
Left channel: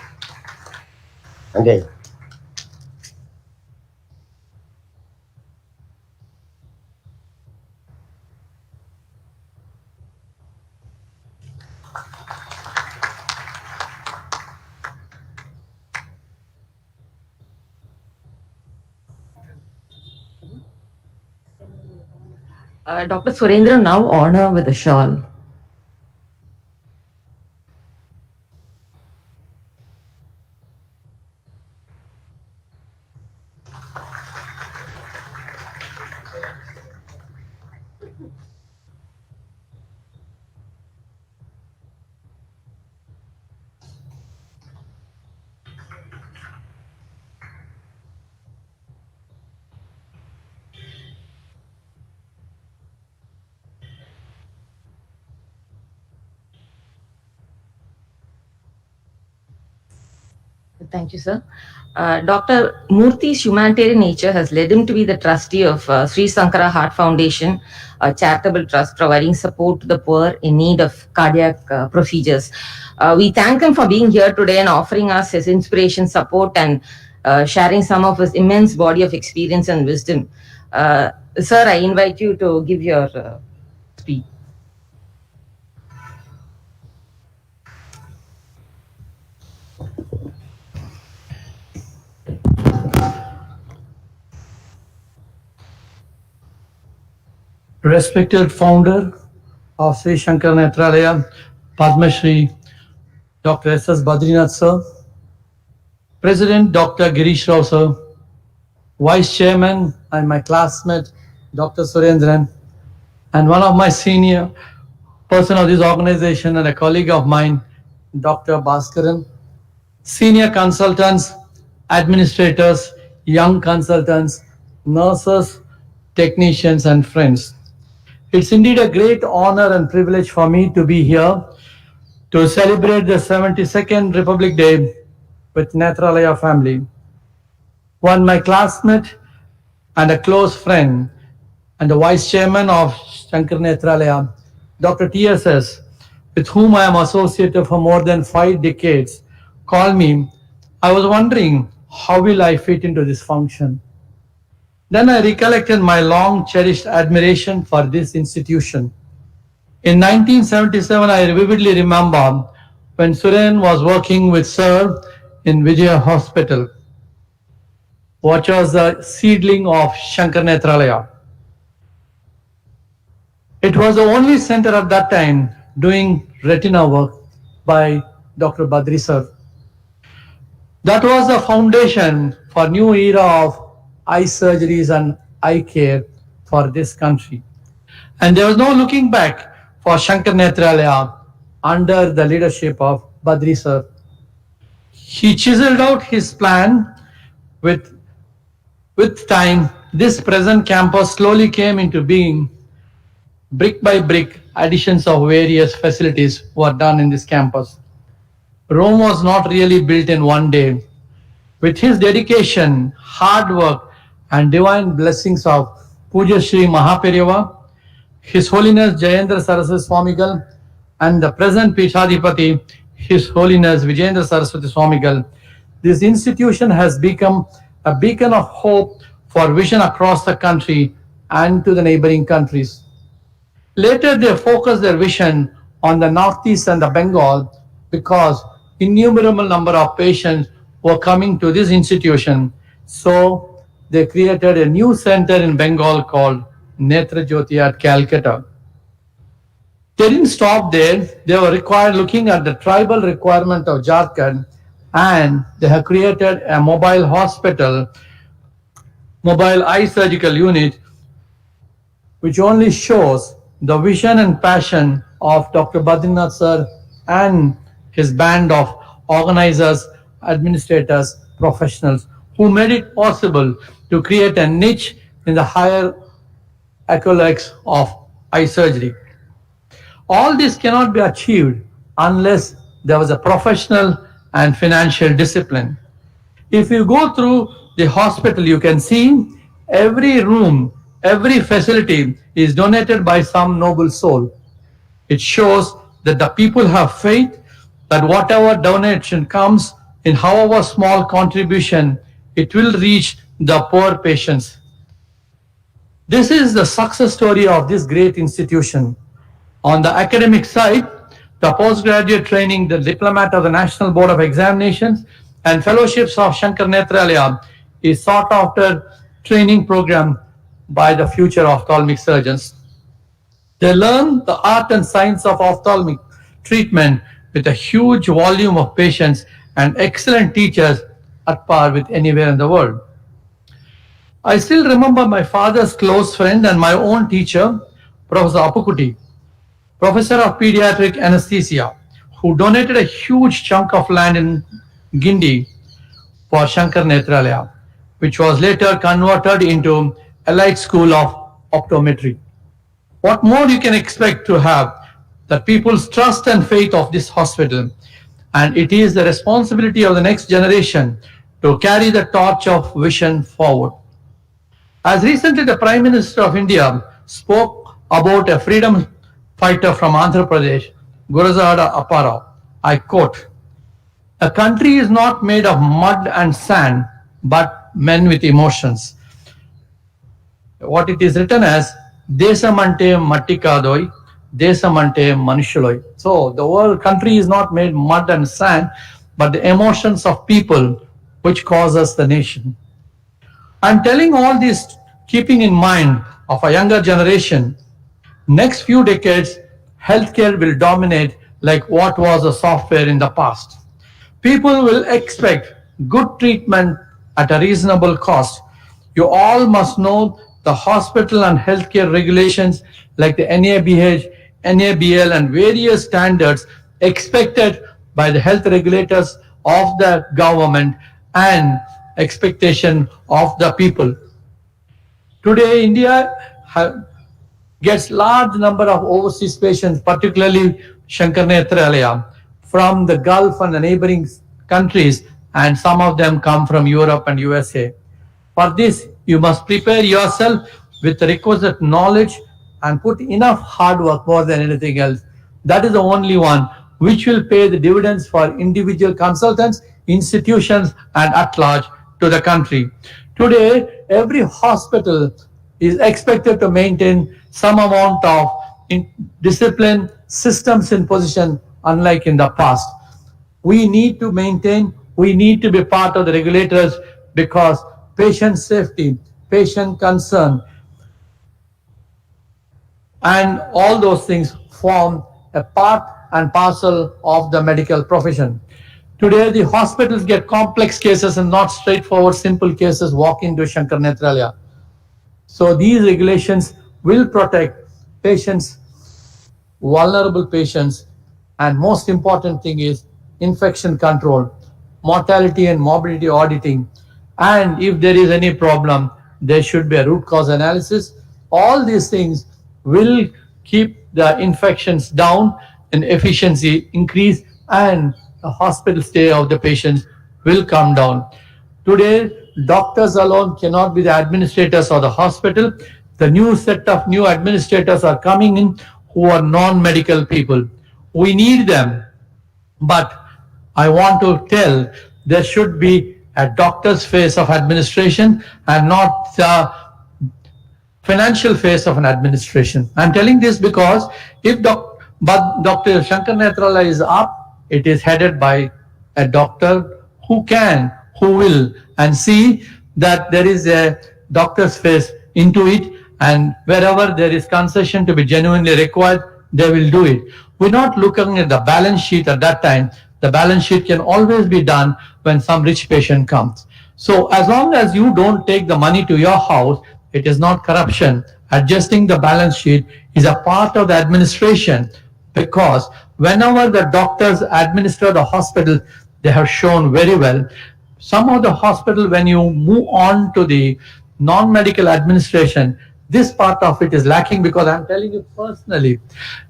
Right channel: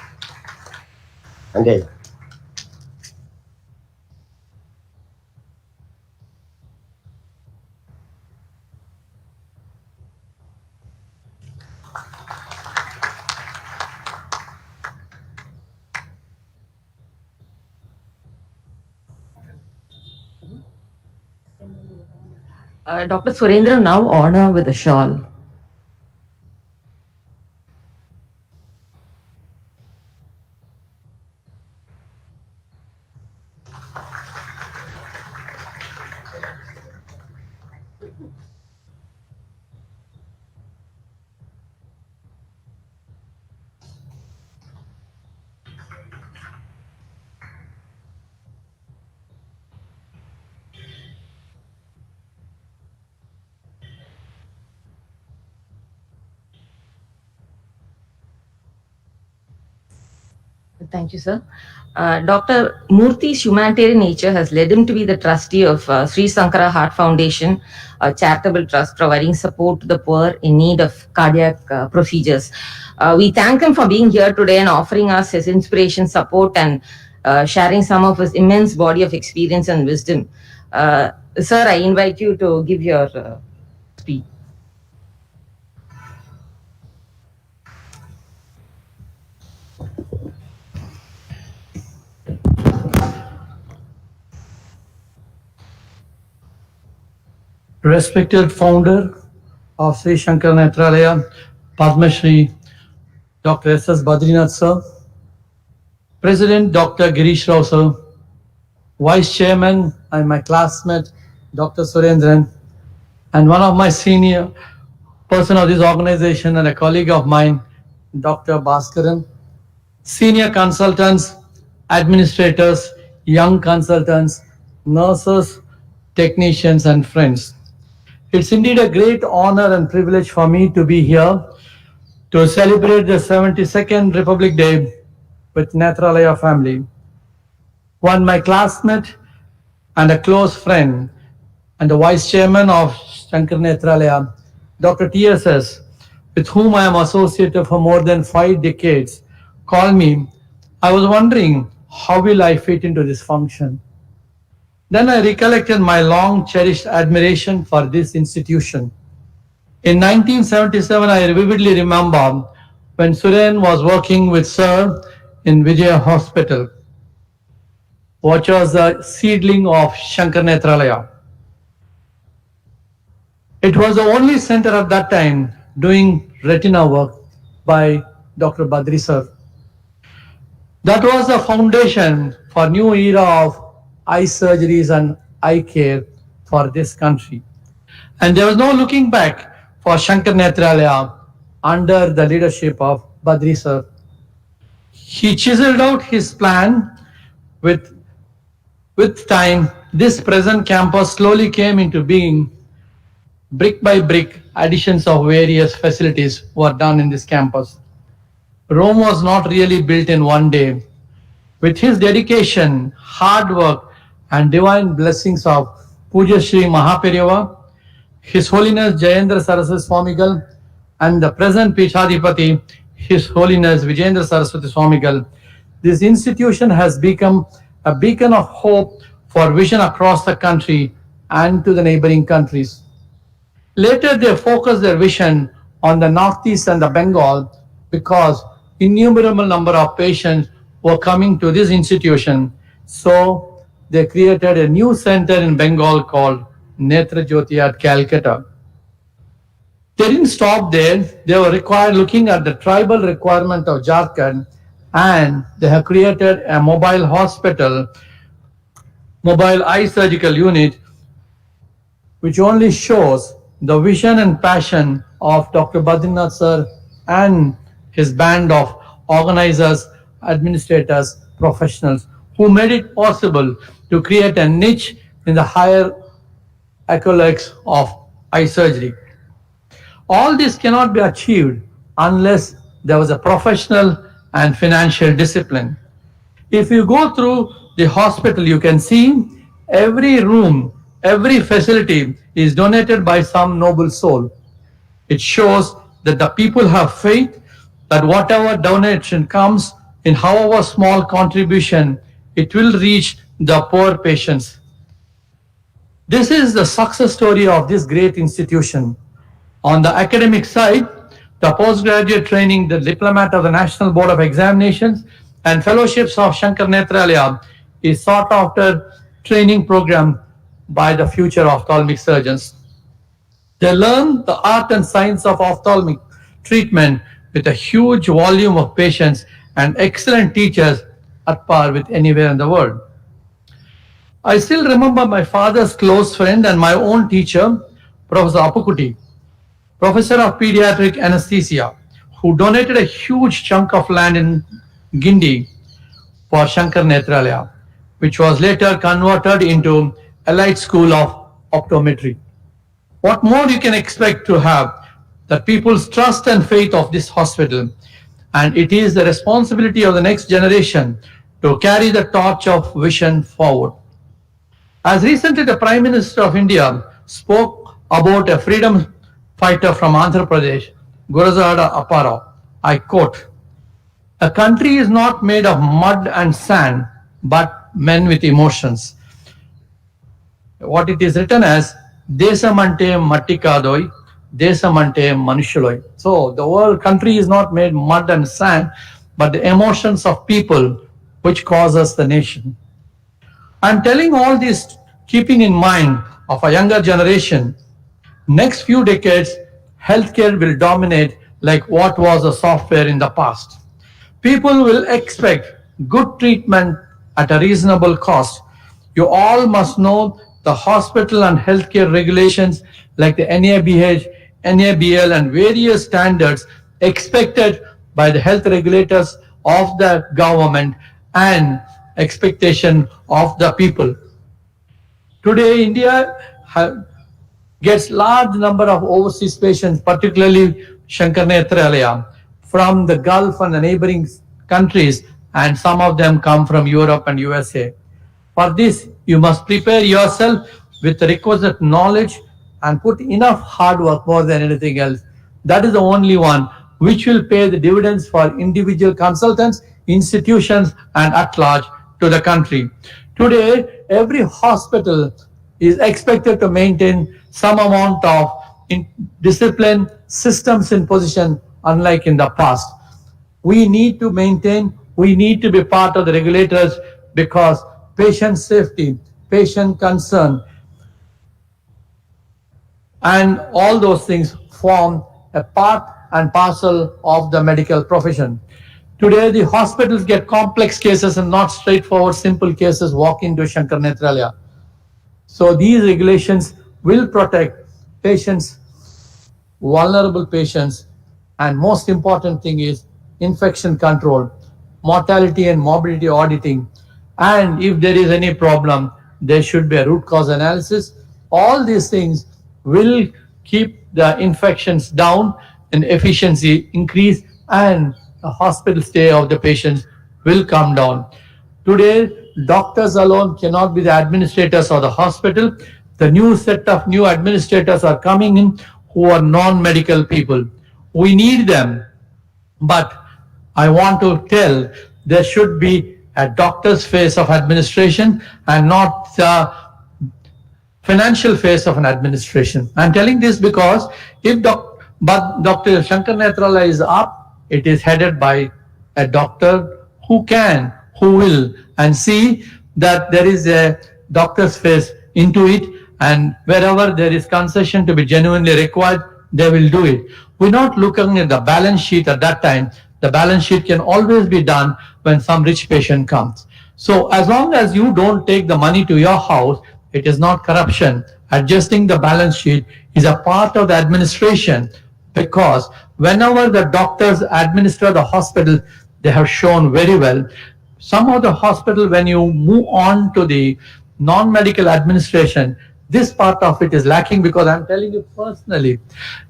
நன்றி. Dr. Surendra now honor with a shawl. Thank you, sir. Dr. Murthy's humanitarian nature has led him to be the trustee of Sri Sankara Heart Foundation, a charitable trust providing support to the poor in need of cardiac procedures. We thank him for being here today and offering us his inspiration, support, and sharing some of his immense body of experience and wisdom. Sir, I invite you to give your speech. Respected founder of Sri Shankar Netralaya, Padma Shri Dr. S.S. Badrinath sir, President Dr. Girish Rao sir, Vice Chairman and my classmate Dr. Surendran, and one of my senior person of this organization and a colleague of mine, Dr. Bhaskaran, senior consultants, administrators, young consultants, nurses, technicians and friends. It's indeed a great honor and privilege for me to be here to celebrate the 72nd Republic Day with Netralaya family. One, my classmate and a close friend and the Vice Chairman of Shankar Netralaya, Dr. TSS, with whom I am associated for more than 5 decades, called me. I was wondering, how will I fit into this function? Then I recollected my long cherished admiration for this institution. In 1977, I vividly remember when Suren was working with Sir in Vijaya Hospital, which was a seedling of Shankar Netralaya. It was the only center at that time doing retina work by Dr. Badri Sir. That was the foundation for new era of eye surgeries and eye care for this country. And there was no looking back for Shankar Netralaya under the leadership of Badri sir. He chiseled out his plan. With time, this present campus slowly came into being. Brick by brick, additions of various facilities were done in this campus. Rome was not really built in one day. With his dedication, hard work, and divine blessings of Puja Shri Mahaperiva, His Holiness Jayendra Saraswati Swamigal, and the present Pishadipati, His Holiness Vijayendra Saraswati Swamigal, this institution has become a beacon of hope for vision across the country and to the neighboring countries. Later, they focused their vision on the Northeast and the Bengal because innumerable number of patients were coming to this institution. So, they created a new center in Bengal called Netra Jyoti at Calcutta. They didn't stop there. They were looking at the tribal requirement of Jharkhand, and they have created a mobile hospital, mobile eye surgical unit, which only shows the vision and passion of Dr. Badrinath sir and his band of organizers, administrators, professionals who made it possible to create a niche in the higher accolades of eye surgery. All this cannot be achieved unless there was a professional and financial discipline. If you go through the hospital, you can see every room, every facility is donated by some noble soul. It shows that the people have faith that whatever donation comes, in however small contribution, it will reach the poor patients. This is the success story of this great institution. On the academic side, the postgraduate training, the diplomat of the National Board of Examinations, and fellowships of Shankar Nethralaya is sought after training program by the future ophthalmic surgeons. They learn the art and science of ophthalmic treatment with a huge volume of patients and excellent teachers at par with anywhere in the world. I still remember my father's close friend and my own teacher, Professor Apukuti, professor of pediatric anesthesia, who donated a huge chunk of land in Guindy for Shankar Nethralaya, which was later converted into Elite School of Optometry. What more you can expect to have the people's trust and faith of this hospital, and it is the responsibility of the next generation to carry the torch of vision forward. As recently the Prime Minister of India spoke about a freedom fighter from Andhra Pradesh, Gurazada Apparao, I quote, "A country is not made of mud and sand, but men with emotions." What it is written as, Desamante Mattikadoi, Desamante Manushaloi. So the world country is not made mud and sand, but the emotions of people which causes the nation. I'm telling all this keeping in mind of a younger generation. Next few decades, healthcare will dominate like what was the software in the past. People will expect good treatment at a reasonable cost. You all must know the hospital and healthcare regulations like the NABH, NABL and various standards expected by the health regulators of the government and expectation of the people. Today, India gets large number of overseas patients, particularly Shankar Nethralaya, from the Gulf and the neighboring countries, and some of them come from Europe and USA. For this, you must prepare yourself with the requisite knowledge and put enough hard work more than anything else. That is the only one which will pay the dividends for individual consultants, institutions, and at large to the country. Today, every hospital is expected to maintain some amount of discipline, systems in position, unlike in the past. We need to maintain, we need to be part of the regulators because patient safety, patient concern, and all those things form a part and parcel of the medical profession. Today, the hospitals get complex cases and not straightforward, simple cases walk into Shankar Nethralaya. So these regulations will protect patients, vulnerable patients, and most important thing is infection control, mortality and morbidity auditing, and if there is any problem, there should be a root cause analysis. All these things will keep the infections down and efficiency increase, and the hospital stay of the patients will come down. Today, doctors alone cannot be the administrators of the hospital. The new set of new administrators are coming in who are non-medical people. We need them, but I want to tell there should be a doctor's face of administration and not the financial face of an administration. I'm telling this because if Dr. Shankar Nethralaya is up, it is headed by a doctor who can, who will, and see that there is a doctor's face into it, and wherever there is concession to be genuinely required, they will do it. We're not looking at the balance sheet at that time. The balance sheet can always be done when some rich patient comes. So as long as you don't take the money to your house, it is not corruption. Adjusting the balance sheet is a part of the administration, because whenever the doctors administer the hospital, they have shown very well. Some of the hospital, when you move on to the non-medical administration, this part of it is lacking, because I'm telling you personally,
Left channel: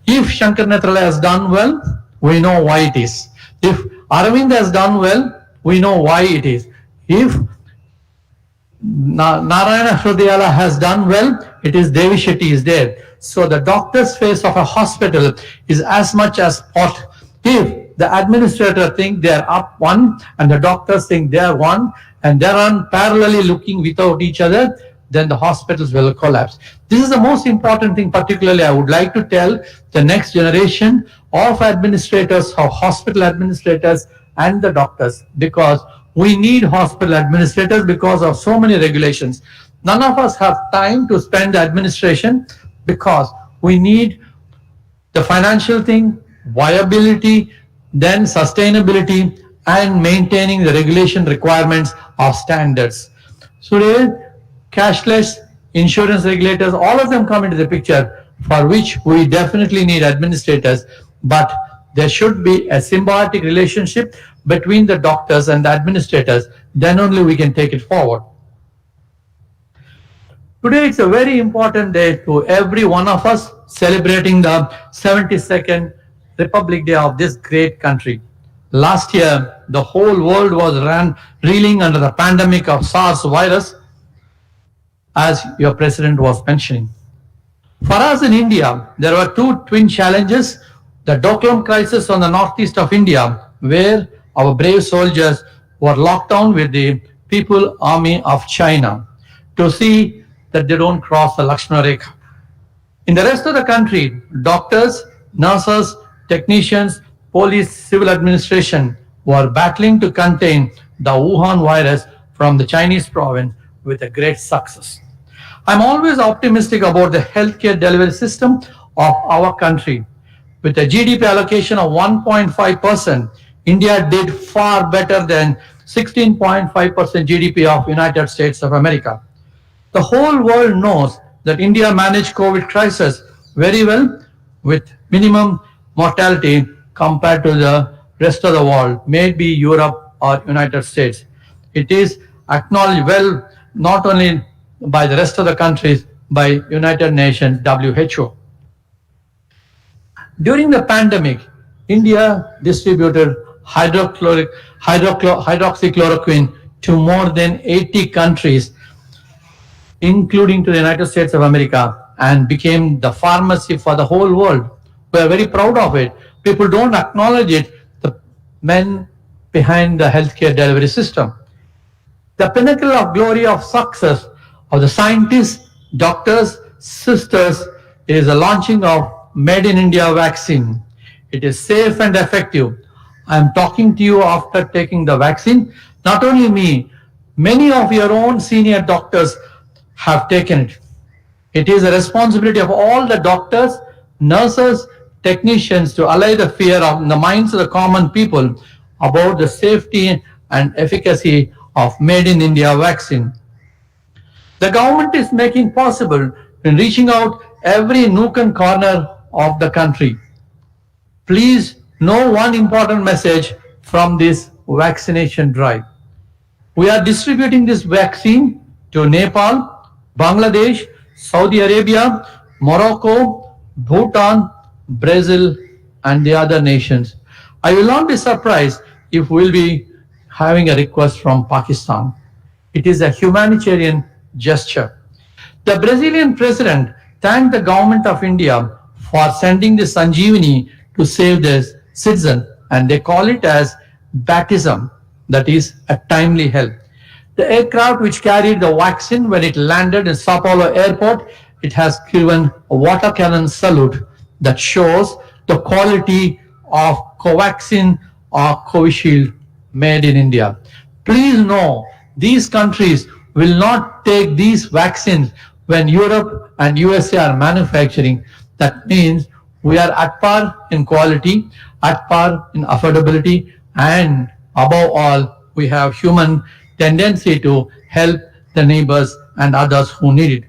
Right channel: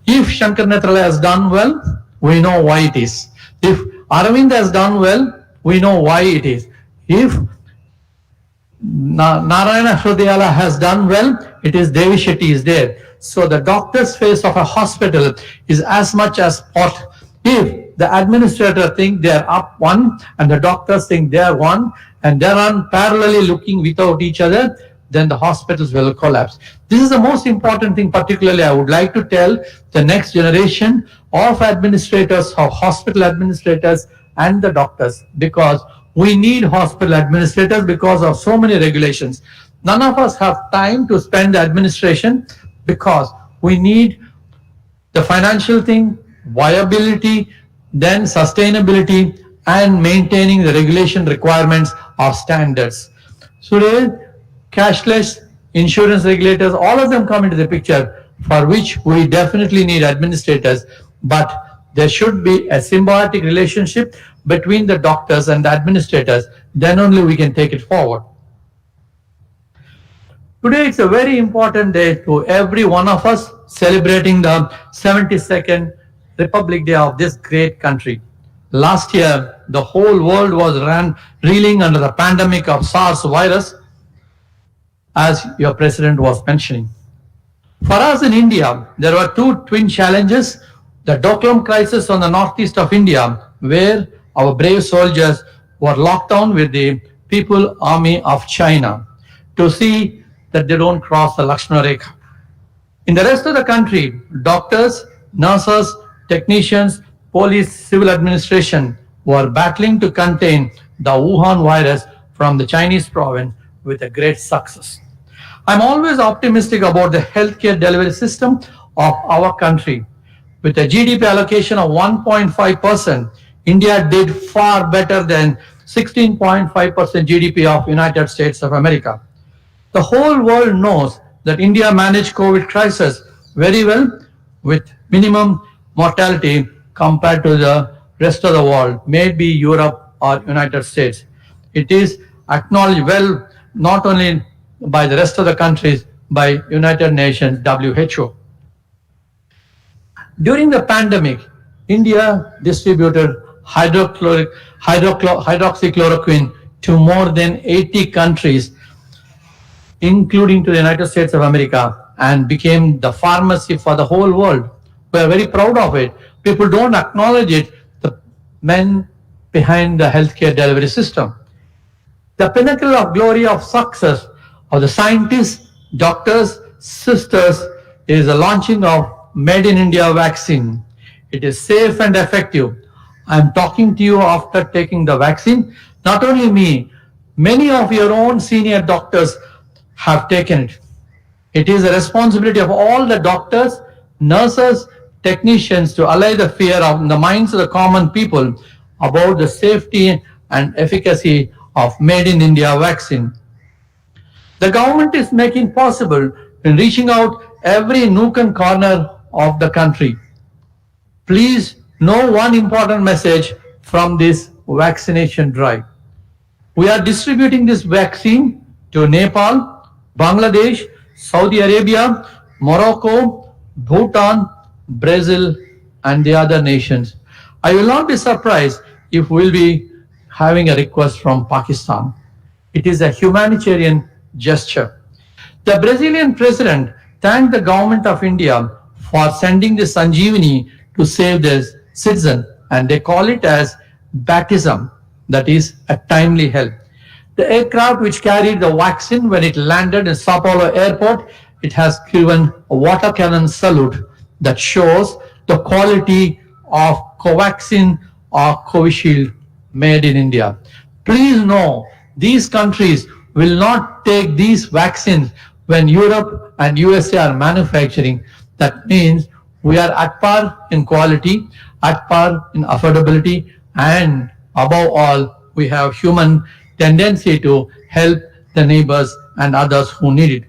if Shankar Nethralaya has done well, we know why it is. If Aravind has done well, we know why it is. If Narayana Hrudayala has done well, it is Devi Shetty is there. So the doctor's face of a hospital is as much as pot. If the administrator think they are up one and the doctors think they are one and they are parallelly looking without each other, then the hospitals will collapse. This is the most important thing. Particularly, I would like to tell the next generation of administrators, of hospital administrators and the doctors, because we need hospital administrators because of so many regulations. None of us have time to spend the administration, because we need the financial thing, viability, then sustainability, and maintaining the regulation requirements of standards. So today, cashless, insurance regulators, all of them come into the picture, for which we definitely need administrators, but there should be a symbiotic relationship between the doctors and the administrators. Then only we can take it forward. Today it's a very important day to every one of us, celebrating the 72nd Republic Day of this great country. Last year, the whole world was reeling under the pandemic of SARS virus, as your president was mentioning. For us in India, there were two twin challenges: the Doklam crisis on the northeast of India, where our brave soldiers were locked down with the People Army of China to see that they don't cross the Lakshmana Rekha. In the rest of the country, doctors, nurses, technicians, police, civil administration were battling to contain the Wuhan virus from the Chinese province with a great success. I'm always optimistic about the healthcare delivery system of our country. With a GDP allocation of 1.5%, India did far better than 16.5% GDP of United States of America. The whole world knows that India managed COVID crisis very well, with minimum mortality compared to the rest of the world, maybe Europe or United States. It is acknowledged well, not only by the rest of the countries, by United Nations, WHO. During the pandemic, India distributed hydroxychloroquine to more than 80 countries, including to the United States of America, and became the pharmacy for the whole world. We are very proud of it. People don't acknowledge it, the men behind the healthcare delivery system. The pinnacle of glory of success of the scientists, doctors, sisters is the launching of Made in India vaccine. It is safe and effective. I am talking to you after taking the vaccine. Not only me, many of your own senior doctors have taken it. It is a responsibility of all the doctors, nurses, technicians to allay the fear of the minds of the common people about the safety and efficacy of Made in India vaccine. The government is making possible in reaching out every nook and corner of the country. Please know one important message from this vaccination drive. We are distributing this vaccine to Nepal, Bangladesh, Saudi Arabia, Morocco, Bhutan, Brazil, and the other nations. I will not be surprised if we'll be having a request from Pakistan. It is a humanitarian gesture. The Brazilian president thanked the government of India for sending the Sanjeevani to save their citizen, and they call it as baptism, that is a timely help. The aircraft which carried the vaccine, when it landed in Sao Paulo airport, it has given a water cannon salute that shows the quality of Covaxin or Covishield made in India. Please know, these countries will not take these vaccines when Europe and USA are manufacturing. That means we are at par in quality, at par in affordability, and above all, we have human tendency to help the neighbors and others who need it.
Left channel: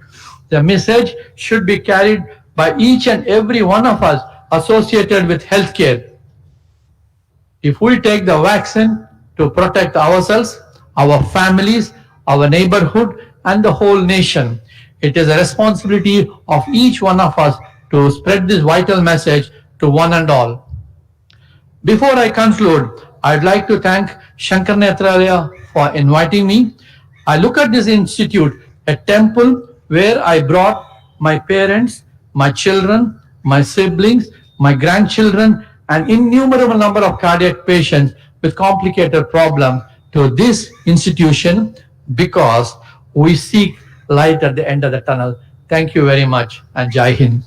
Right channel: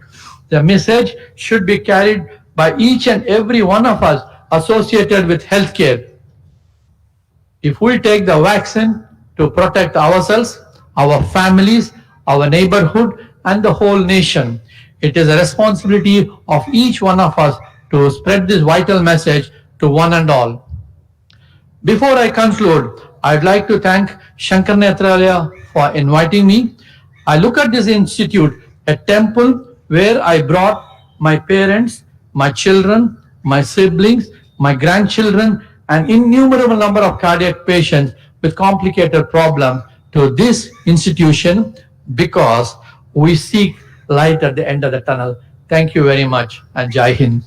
The message should be carried by each and every one of us associated with healthcare. If we take the vaccine to protect ourselves, our families, our neighborhood, and the whole nation, it is a responsibility of each one of us to spread this vital message to one and all. Before I conclude, I'd like to thank Shankar Nethralaya for inviting me. I look at this institute, a temple where I brought my parents, my children, my siblings, my grandchildren, an innumerable number of cardiac patients with complicated problems to this institution because we seek light at the end of the tunnel. Thank you very much and Jai Hind.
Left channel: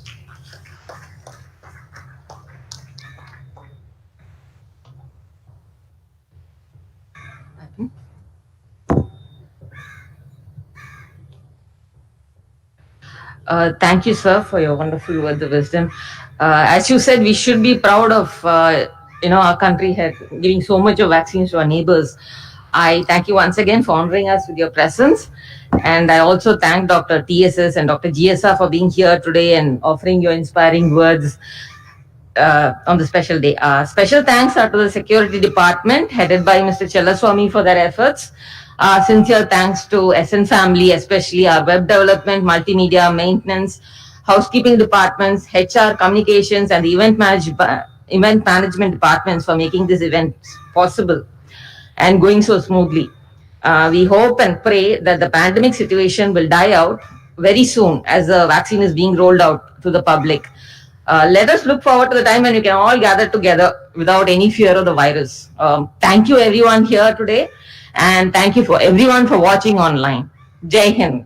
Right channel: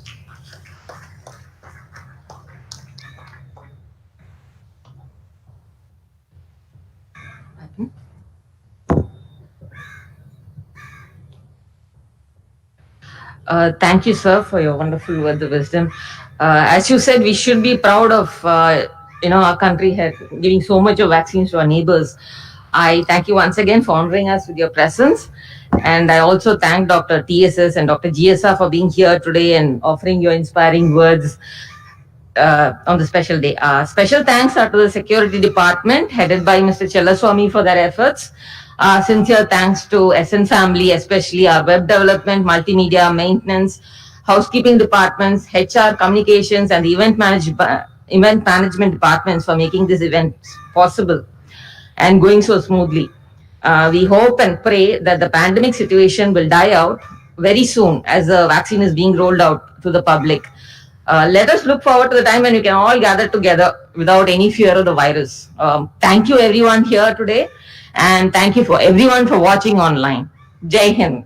Thank you, sir, for your wonderful words of wisdom. As you said, we should be proud of our country giving so much of vaccines to our neighbors. I thank you once again for honoring us with your presence, and I also thank Dr. TSS and Dr. GSR for being here today and offering your inspiring words on the special day. Special thanks are to the security department headed by Mr. Chellaswamy for their efforts. Sincere thanks to SN family, especially our web development, multimedia, maintenance, housekeeping departments, HR, communications, and the event management departments for making this event possible and going so smoothly. We hope and pray that the pandemic situation will die out very soon as the vaccine is being rolled out to the public. Let us look forward to the time when we can all gather together without any fear of the virus. Thank you everyone here today, and thank you for everyone for watching online. Jai Hind.